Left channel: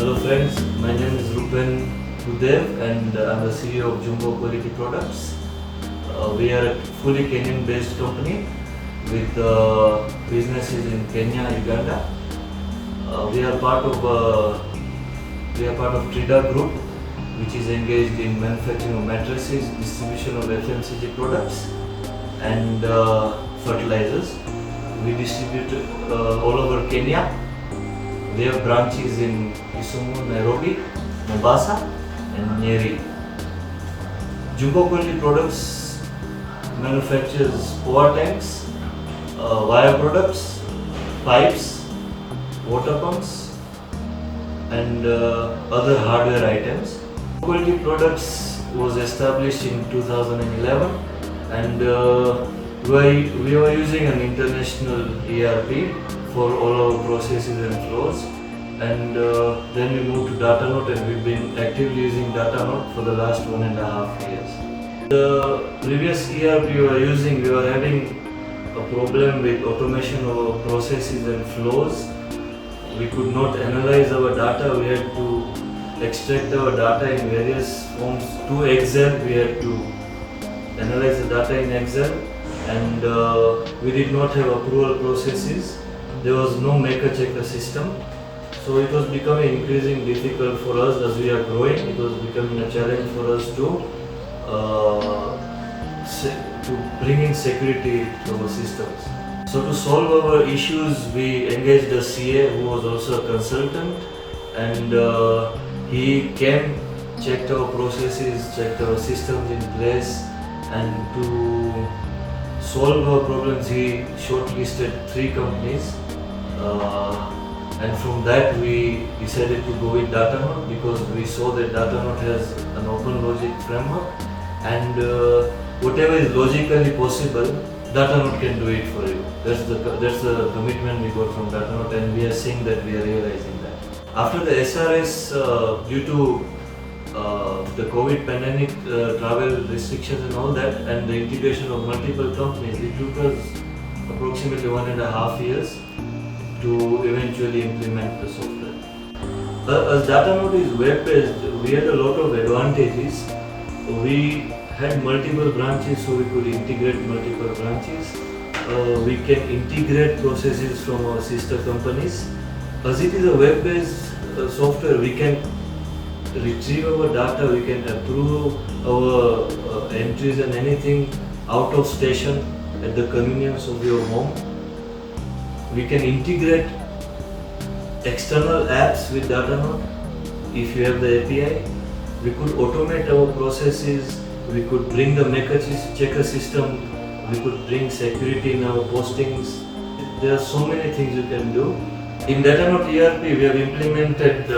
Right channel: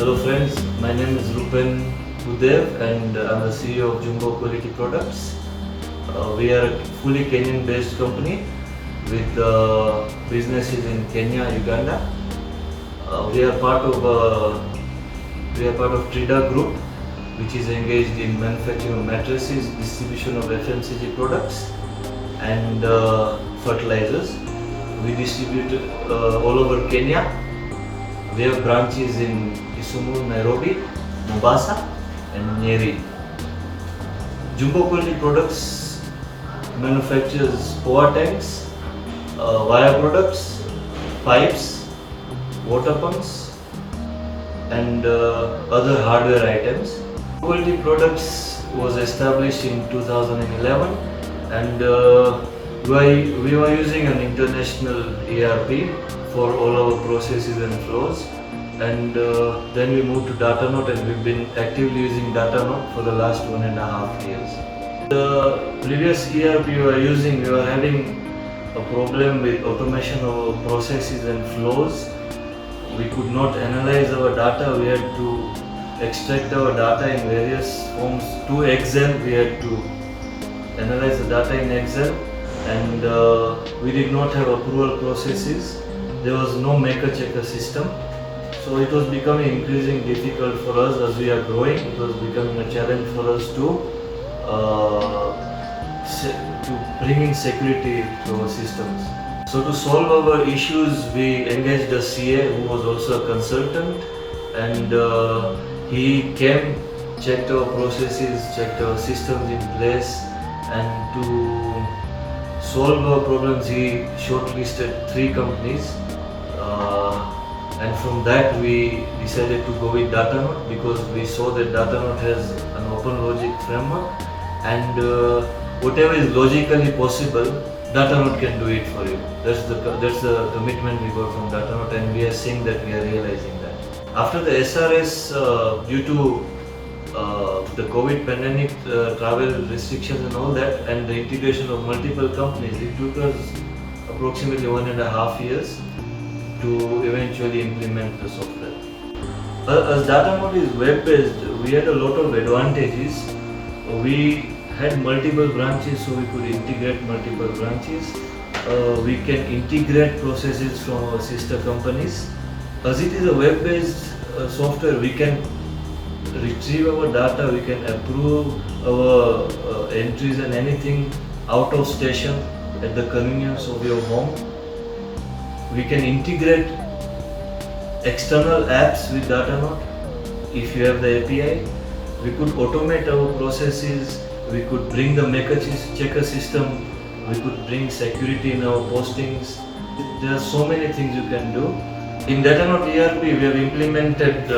Hello friends, my name is Rupen Budhdev and I'm the CEO of Jumbo Quality Products. We are a fully Kenyan-based company with businesses in Kenya, Uganda. We are part of Trida Group, which is engaged in manufacturing of mattresses, distribution of FMCG products, and fertilizers. We distribute all over Kenya. We have branches in Kisumu, Nairobi, Mombasa, and Nyeri. Jumbo Quality Products manufactures POA tanks, wire products, pipes, water pumps, and other hardware items. Quality Products was established in 2011, and we were using an international ERP for all our processes and flows, and then we moved to DataNote, and we've been actively using DataNote for the last 1.5 years. The previous ERP we were using, we were having a problem with automation of our processes and flows. We could not analyze our data. We had to extract our data in various forms to Excel. We had to analyze the data in Excel, and we did not have approval processes. There was no maker-checker system, so it was becoming increasingly difficult for us as we are growing. It was becoming a challenge for us to bring in security to our systems. So to solve our issues, we engaged a CA who was also a consultant, and he came, checked our processes, checked our systems in place, and to solve our problems, he shortlisted 3 companies. And from that we decided to go with DataNote because we saw that DataNote has an open logic framework, and whatever is logically possible, DataNote can do it for you. That's the commitment we got from DataNote, and we are seeing that we are realizing that. After the SRS, due to the COVID pandemic, travel restrictions and all that, and the integration of multiple companies, it took us approximately 1.5 years to eventually implement the software. As DataNote is web-based, we had a lot of advantages. We had multiple branches, so we could integrate multiple branches. We can integrate processes from our sister companies. As it is a web-based software, we can retrieve our data, we can approve our entries and anything out of station at the convenience of your home. We can integrate external apps with DataNote if you have the API. We could automate our processes. We could bring the maker-checker system. We could bring security in our postings. There are so many things you can do. In DataNote ERP, we have implemented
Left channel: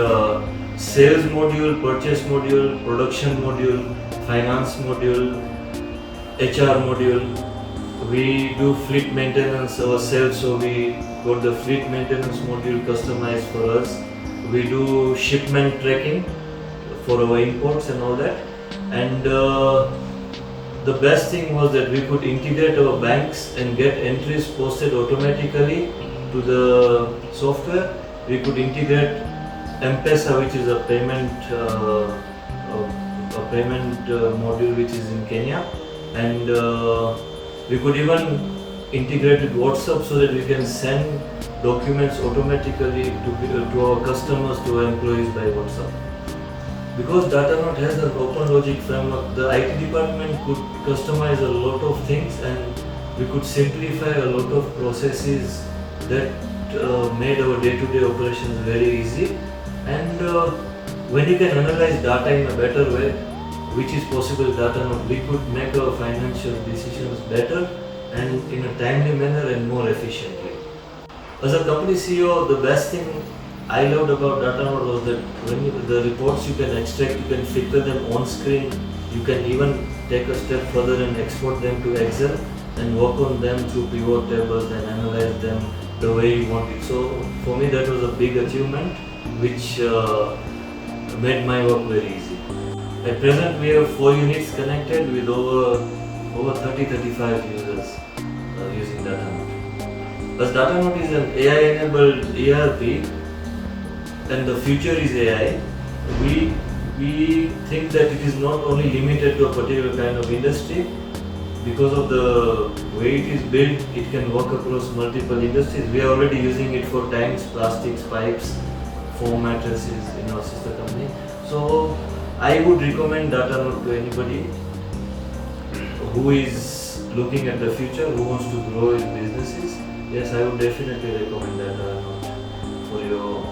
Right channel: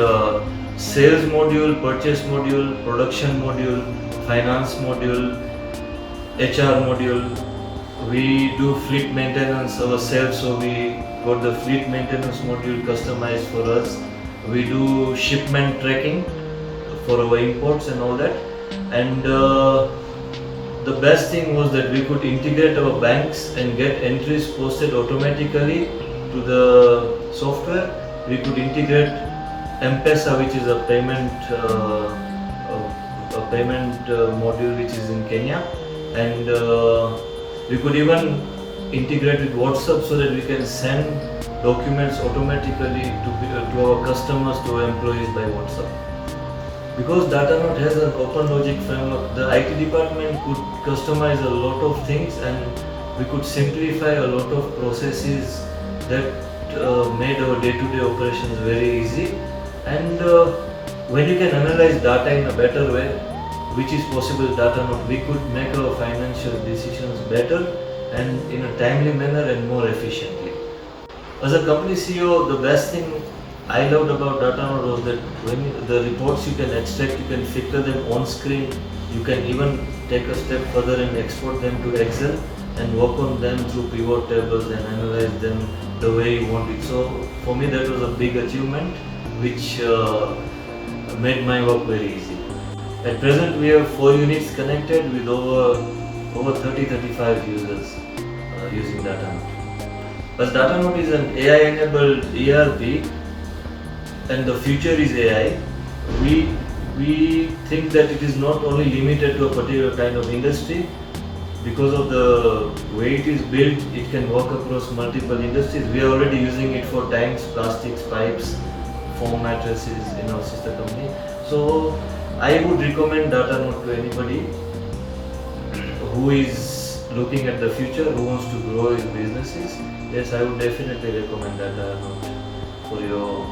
sales module, purchase module, production module, finance module, HR module. We do fleet maintenance ourselves, so we got the fleet maintenance module customized for us. We do shipment tracking for our imports and all that. And the best thing was that we could integrate our banks and get entries posted automatically to the software. We could integrate M-Pesa, which is a payment module which is in Kenya, and we could even integrate with WhatsApp so that we can send documents automatically to our customers, to our employees by WhatsApp. Because DataNote has an open logic framework, the IT department could customize a lot of things, and we could simplify a lot of processes that made our day-to-day operations very easy. And when you can analyze data in a better way, which is possible with DataNote, we could make our financial decisions better and in a timely manner and more efficiently. As a company CEO, the best thing I loved about DataNote was that when the reports you can extract, you can filter them on screen. You can even take a step further and export them to Excel and work on them through pivot tables and analyze them the way you want it. So for me, that was a big achievement which made my work very easy. At present, we have 4 units connected with over 30-35 users using DataNote. As DataNote is an AI-enabled ERP, and the future is AI, we think that it is not only limited to a particular kind of industry. Because of the way it is built, it can work across multiple industries. We are already using it for tanks, plastics, pipes, foam mattresses in our sister company. So I would recommend DataNote to anybody who is looking at the future, who wants to grow his businesses. Yes, I would definitely recommend DataNote for your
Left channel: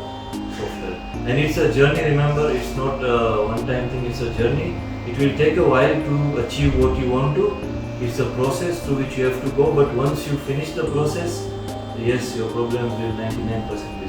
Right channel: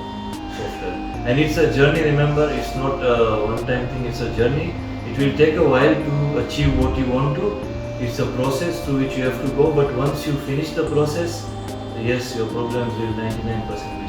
software. And it's a journey, remember, it's not a one-time thing, it's a journey. It will take a while to achieve what you want to. It's a process through which you have to go, but once you finish the process, yes, your problems will 99%